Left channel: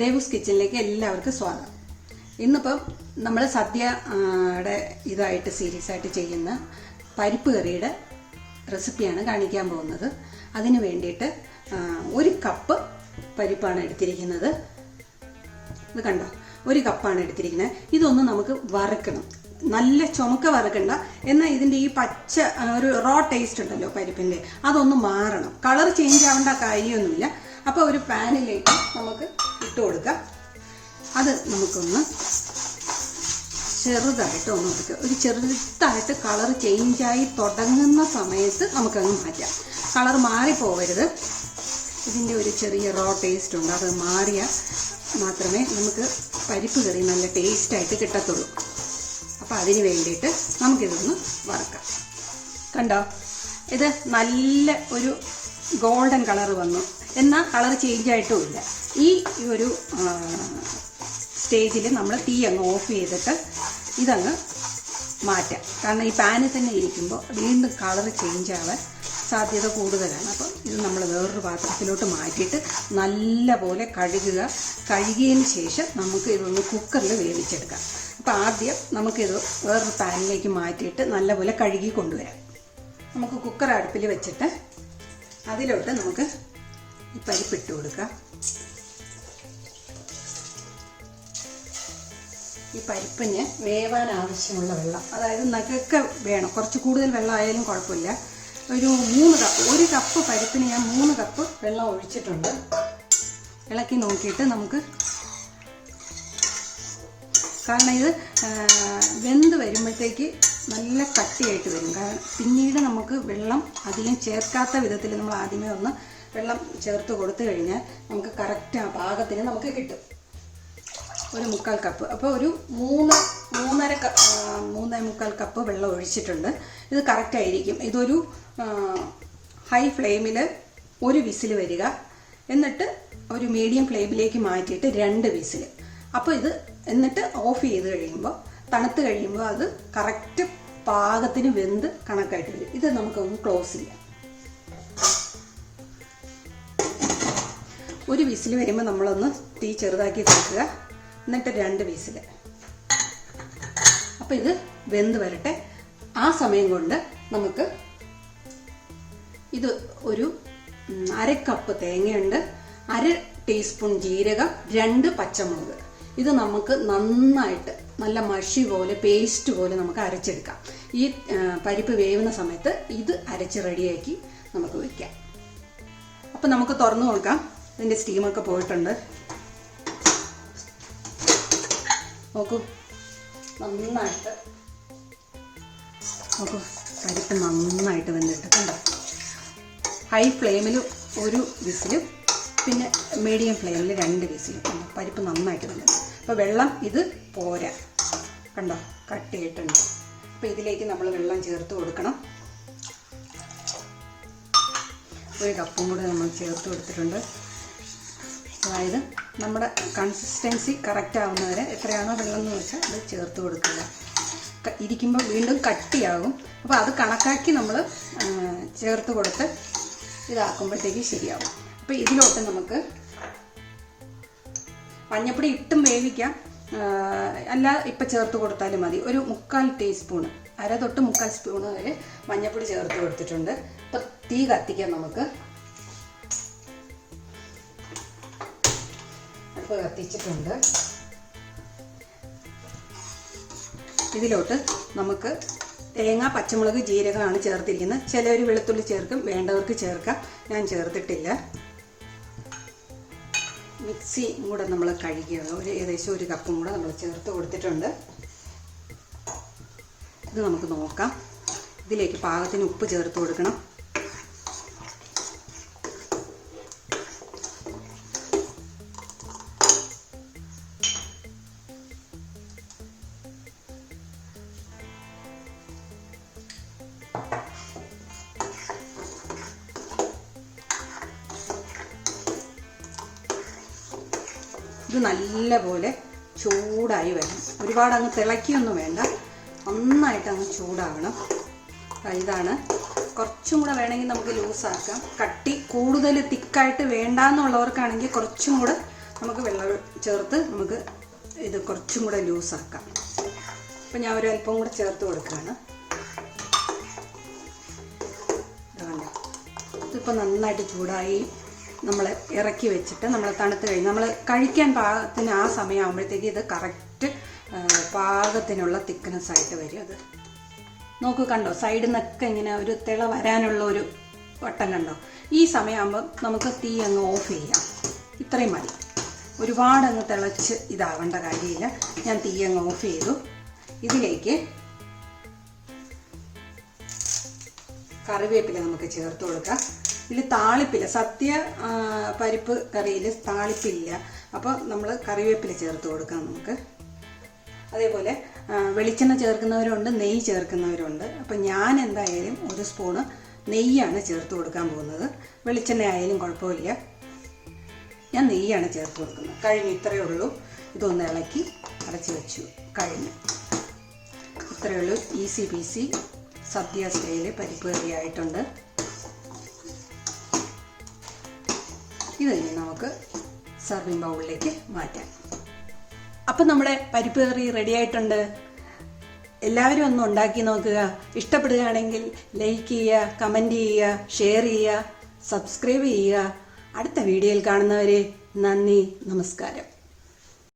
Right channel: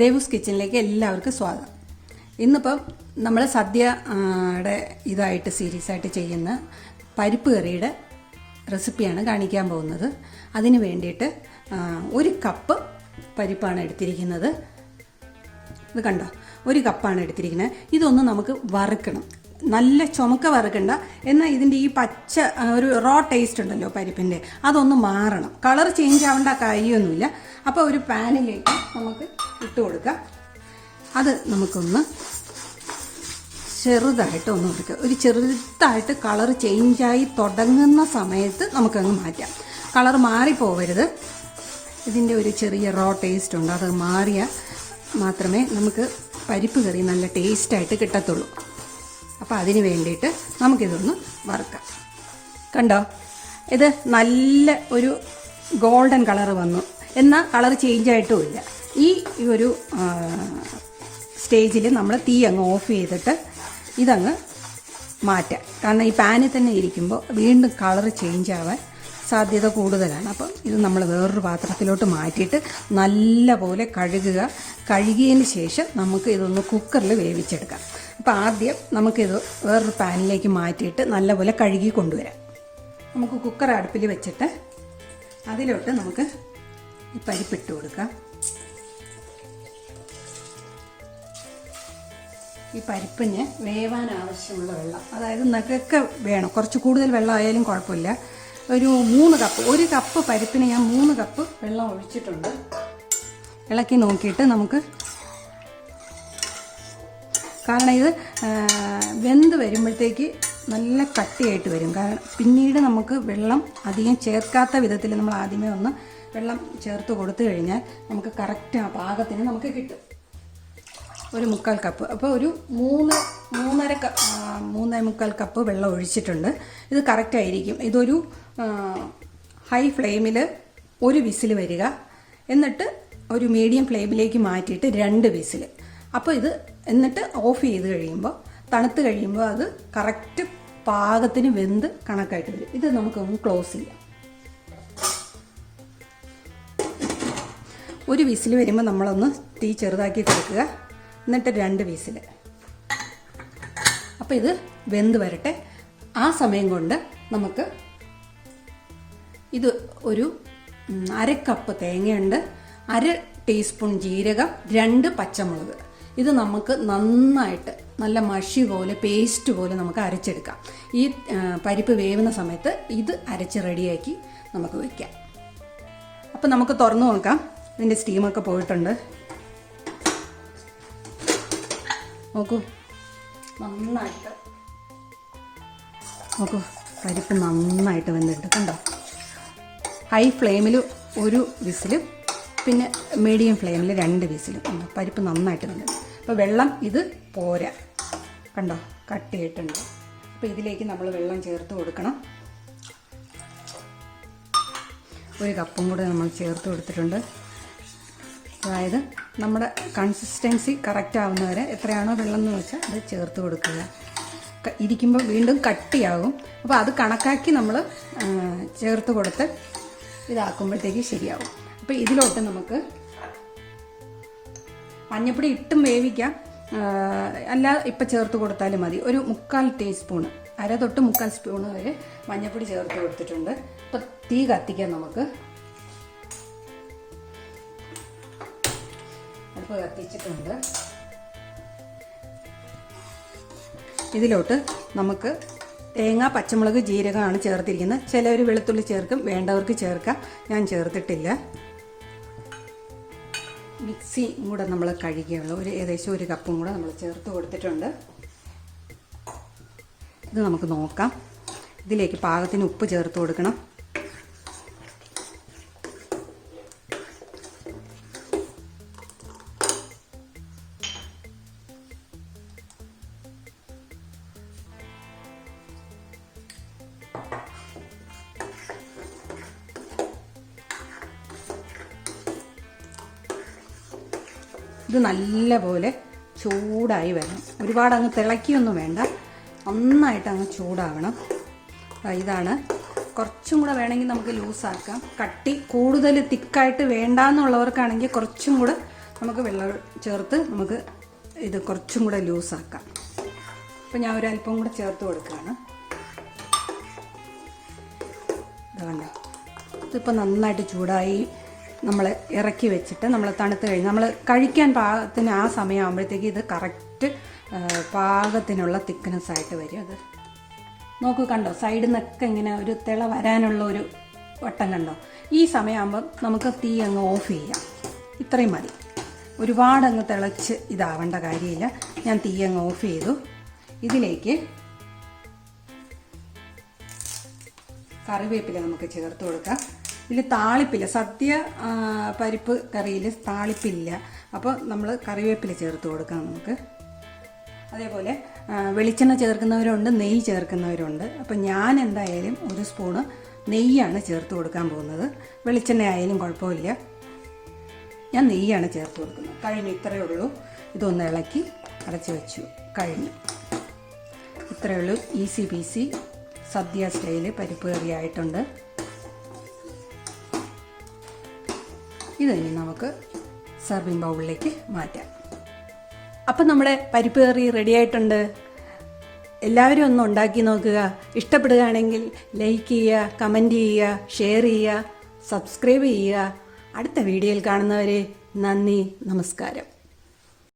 ദേവൂസ് കിച്ചണിലേക്ക് എല്ലാവർക്കും സ്വാഗതം. ഇന്നിപ്പം നമ്മൾ സദ്യയുടെ ഇതായിട്ട് സീരീസ് ആയിട്ട് ചെയ്യുന്ന പരിപ്പ് കറിയുടെ റെസിപ്പിയാണ് കാണിക്കാൻ പോകുന്നത്. അതിന് വേണ്ടിയിട്ട് 1 കപ്പ് പരിപ്പാണ് എടുത്തിരിക്കുന്നത്. ഇത് കണ്ടോ, 1 കപ്പാണ് എടുത്തിരിക്കുന്നത്. ഇതൊന്ന് നമുക്ക് വറുക്കണം. നല്ല ചുമക്ക വറുക്കണ്ട, എന്നാൽ ഇതിൻ്റെ ഈ പച്ച ഒരു റോ ടേസ്റ്റ് ഉണ്ടല്ലോ പരിപ്പിൻ്റെ, അതൊന്ന് മാറണം. കളർ ചേഞ്ച് ആവേണ്ട കാര്യമൊന്നുമില്ല. അപ്പോൾ ഒരു പാനിലേക്ക് നമുക്ക് ഇട്ട് കൊടുക്കാം. അത് നമുക്കൊന്ന് ചെറുതായിട്ട് ഒന്ന് എടുക്കുക. ഒരു ചെറുതായിട്ട് കളർ ചേഞ്ചായി തുടങ്ങുന്ന സമയത്ത് നമുക്കങ്ങ് മാറ്റാം. കളർ മാറിപ്പോവരുത്. ഇതിൻ്റെ ഒരു ചെറിയ റോ ടേസ്റ്റ് ഉണ്ട്, അത് മാറിയാൽ മാത്രമേ നമുക്ക് പരിപ്പ് കറി നല്ല ടേസ്റ്റായിട്ട് കിട്ടത്തുള്ളൂ. അപ്പോൾ അതിന് വേണ്ടിയിട്ട് നമുക്കിതൊന്ന് വറുക്കാം. കണ്ടോ, ഇത് നല്ല ഒരു ഗോൾഡൻ കളർ വന്നു, എന്നാൽ കളർ ചേഞ്ച് ആയിട്ടുമില്ല. ഈ ഒരു സ്റ്റേജിൽ നമ്മൾ തീ അങ്ങ് ഓഫ് ചെയ്തിട്ട് ഇതങ്ങ് മാറ്റാം. കാരണം ഈ പാനിൽ തന്നെ ഇരിക്കുമ്പോൾ വീണ്ടും കളർ ചേഞ്ച് ആവാൻ സാധ്യത കൂടുതലാണ്. അപ്പോൾ ഇത് നമ്മൾ വേറൊരു പാത്രത്തിലോട്ട് മാറ്റിയിട്ട് നല്ലപോലെ കഴുകിയതിന് ശേഷം നമുക്ക് ഇതൊന്ന് കുക്കറിൽ വേവിച്ചെടുക്കാം. അപ്പോൾ ആദ്യം നമുക്കിത് വേറൊരു പാനിലേക്ക് മാറ്റിയിട്ട് നല്ലപോലെ കഴുകി കൊണ്ടുവരാം. നമുക്ക് കുക്കർ അടുപ്പിൽ വെച്ചിട്ട് അതിലോട്ട് നമുക്ക് ഈ പരിപ്പിട്ട് കൊടുക്കാം. ഈ പരിപ്പിന് വേവാൻ ആവശ്യമുള്ള വെള്ളം, അതായത് നഖമൊക്കെ വേണം, കുറച്ച് കൂടുതൽ വെള്ളം ആയാലും കുഴപ്പമില്ല. ഒരു 3 കപ്പ്, 1 കപ്പ് പരിപ്പിന് ഞാൻ 3 കപ്പ് വെള്ളം ഒഴിച്ചിട്ടുണ്ട്. ഇളക്കി നോക്കിയിട്ട് നമുക്ക്, കാരണം ഇത് വെന്ത് വരുമ്പോഴത്തേക്ക് നല്ല കട്ടിയായിട്ട് വരും. കാരണം പിന്നീട് നമുക്ക് വെള്ളം അധികം ചേർക്കാത്ത വിധത്തിൽ നമ്മൾ ആദ്യമേ ഒന്ന് വെള്ളം ചേർത്ത് കൊടുത്തു കഴിഞ്ഞാൽ നമുക്ക് കറക്റ്റ് ആ പാകത്തിന് നമുക്ക് കിട്ടും. ഒരു 3/4 കപ്പ്, അപ്പോൾ ഒരു 3.25 കപ്പ് വെള്ളം ഒഴിച്ചിട്ടുണ്ട്. ഇത് കറക്റ്റായിരിക്കും. ഇതൊരു ഹൈ ഫ്ലെയിമിൽ 1 വിസിൽ വരിക, എന്നിട്ട് ഒരു മീഡിയം ഫ്ലെയിമിലേക്ക് മാറ്റിയിട്ട് 2 വിസിൽ. അപ്പോൾ ഇത് എന്നിട്ട് ഓഫ് ചെയ്ത് കഴിയുമ്പോൾ, തണുത്ത് കഴിയുമ്പോൾ അത് കറക്റ്റ് പാകത്തിന് വെന്ത് കണക്കായിട്ട് വരും. ഇത് നമുക്കൊന്ന് ക്ലോസ് ചെയ്യാം. 1 വിസിൽ വരുമ്പോൾ നമ്മളൊന്ന് തീ ചെറുതാക്കി കൊടുക്കുക, എന്നിട്ട് 2 വിസിൽ. അപ്പോൾ ഇത് വെന്ത് വരട്ടെ. ആ സമയം കൊണ്ട് നമുക്ക് ഇത് ഒരു 1/2 കപ്പ് തേങ്ങയുണ്ട്, 1/2 ടീസ്പൂൺ ജീരകം, 2 പച്ചമുളക്. ഇത് നമുക്ക് നന്നായിട്ട് നല്ല മഷി പോലെ, പേസ്റ്റ് പോലെ നമുക്ക് അരച്ചെടുക്കാം. ഈ പരിപ്പ് വേവുന്ന സമയത്ത് ഇത് അരച്ച് റെഡിയാക്കി നമുക്ക് വയ്ക്കാം. അപ്പം നമുക്ക് തുറന്നു നോക്കാം. ഇതിൻ്റെ സ്റ്റീമൊക്കെ പോയിട്ടുണ്ട്. നോക്കൂ, നന്നായിട്ട് നോക്കൂ, പരിപ്പ് നന്നായിട്ട് വെന്തിട്ട് കണ്ടോ. ഹൈ ഫ്ലെയിമിൽ 1 വിസിലും പിന്നെ മീഡിയം ഫ്ലെയിമിൽ 2 വിസിലും. പരിപ്പ് നന്നായിട്ട് വെന്തു. അപ്പോൾ വെള്ളം ഇത് പോരാ, കണ്ടോ, കട്ടിയായിട്ടുണ്ട്. അപ്പോൾ ഇതിലേക്ക് നമ്മൾ വെള്ളം ചേർത്ത് കൊടുക്കണം. 1 കപ്പും കൂടെ നമ്മൾ ചേർത്ത് കൊടുത്തിട്ടുണ്ട്. അതായത് നമ്മുടെ കൺസിസ്റ്റൻസി കറക്റ്റ് ആവുന്നവരെ എത്രയാണോ വെള്ളം എന്ന് വെച്ചാൽ അത് ചേർത്ത് കൊടുക്കുക. ഇരിക്കുമ്പോൾ വീണ്ടും കട്ടിയാകും. അപ്പോൾ അത് കണക്കാക്കി നമ്മൾ ചേർത്ത് കൊടുത്ത് ഇതാക്കുമ്പോഴത്തേക്ക് ശരിയാവും. അപ്പോൾ ഇതിലോട്ട് നമുക്ക് മഞ്ഞപ്പൊടി ഇട്ടും വേവിക്കാം, അല്ല ഇപ്പം ചേർത്ത് കൊടുത്താലും മതി. ഒരു 3/4 ടീസ്പൂൺ, 1/2 തൊട്ട് 3/4 സ്പൂൺ വരെ മഞ്ഞപ്പൊടി ചേർത്ത് കൊടുത്തിട്ടുണ്ട്. അപ്പോൾ തീ കത്തിക്കാം. നമുക്ക് അടുപ്പ് കത്തിച്ചിട്ടുണ്ട്. ഇതിലോട്ട് നമുക്ക് തേങ്ങ, പച്ചമുളക്, ജീരകമാണ് ചേർത്തിരിക്കുന്നത്. ചിലർ വെളുത്തുള്ളി ചേർക്കും, വേണ്ടവർക്ക് ചേർക്കാം. ഞാൻ ചേർത്തിട്ടില്ല. മിക്സി കൂടെ നമ്മൾ കഴുകിയാണ് ഏകദേശം 1 കപ്പും കൂടെ നമ്മൾ ചേർത്ത് കൊടുത്തിട്ടുണ്ട്. ഇത് നമുക്ക് നോക്കാം. ഇതിലേക്ക് പാകത്തിന് ഉപ്പ് ചേർത്ത് കൊടുക്കണം. ഇത് നല്ലപോലെ ചൂടായി വരണം. ഒരുപാട് അങ്ങ് തിളയ്ക്കൊന്നും വേണ്ട, നന്നായിട്ട് അങ്ങ് ചൂടാവണം. ഇതാണ്. കുറച്ചും കൂടെ വേണമെങ്കിൽ നമുക്ക് ലൂസാക്കാം. കട്ടി കൂടുതൽ തിക്കായിട്ട് വേണ്ടാന്നുള്ളവർക്കാണെങ്കിൽ കുറച്ചും കൂടെ നമുക്ക് വെള്ളം ചേർത്ത് നമുക്ക് ഇത് കുറച്ചും കൂടെ ലൂസാക്കാം. അപ്പം ഞാൻ ഒരല്പം കൂടെ ചേർത്ത് കൊടുക്കുകയാണ്. ഇതുകൊണ്ട് ഇതിപ്പോൾ നന്നായിട്ട് ചൂടായി നമ്മൾ ഇറക്കി വെച്ചിട്ട് നമ്മൾ തണുത്ത് കഴിഞ്ഞ് നമ്മൾ കഴിക്കാൻ പാകത്തിന് ആ സമയമാകുമ്പോഴത്തേക്ക് ഇത് കറക്റ്റ് പാകത്തിനുള്ള തിക്നെസ് ആയിട്ട് വരും. അത് നോക്കൂ, കണ്ടോ, സൈഡിൽ നിന്നൊക്കെ ഇങ്ങനെ ഒരു തിള വരാനുള്ള ഒരു വട്ടം കണ്ടോ. ഈ സമയമാകുമ്പം നമുക്ക് തീ അങ്ങ് ഓഫ് ചെയ്യാം. ഇത്രയും മതി, ഒരുപാട് അങ്ങ് തിളച്ച് ഇതാവേണ്ട കാര്യമില്ല. ഞാൻ തീ അങ്ങ് ഓഫ് ചെയ്തു. ഇതിലേക്ക് കറിവേപ്പില നമുക്ക് ചേർത്ത് കൊടുക്കാം. ഇതിൽ താളിപ്പില്ല, സദ്യ പരിപ്പ് കറിയിൽ താളിപ്പില്ല. അപ്പോൾ നമ്മൾ കറിവേപ്പില ചേർത്ത് കൊടുക്കാം നമുക്ക്. അതേപോലെ വെളിച്ചെണ്ണ ചേർക്കുന്നവരുണ്ട്, നെയ്യ് ചേർക്കുന്നവരുണ്ട്. അപ്പം ഞാൻ എന്തായാലും 1 സ്പൂണ് നെയ്യാണ് ചേർത്ത് കൊടുക്കാൻ പോകുന്നത്. വെളിച്ചെണ്ണ ആയാലും കുഴപ്പമില്ല, ഞാൻ നെയ്യാണ് ചേർത്ത് കൊടുക്കുന്നത്. കഴിഞ്ഞു, ഇത്രയേ ഉള്ളൂ. ഇതൊന്ന് ഇളക്കി അടച്ചു വെച്ചു, കഴിഞ്ഞു. ഇത്രയേ ഉള്ളൂ, ഈസി പീസി സദ്യ സ്റ്റൈല് പരിപ്പ് കറി ആയിട്ടുണ്ട്. ഇതിനി നമുക്ക് സർവിംഗ് ബൗളിലേക്ക് മാറ്റാം. അപ്പം നമ്മുടെ പരിപ്പ് കറി റെഡി ആയിട്ടുണ്ട്. എല്ലാവരും ഒന്ന് ഉണ്ടാക്കി നോക്കുക. ഇഷ്ടപ്പെടുകയാണെങ്കിൽ ലൈക്ക് ചെയ്യുക, കമൻറ്റ് ചെയ്യുക, ഷെയർ ചെയ്യുക, സബ്സ്ക്രൈബ് ചെയ്യുക. അടുത്ത വീഡിയോയിൽ കാണുന്നവരെ നന്ദി, നമസ്കാരം.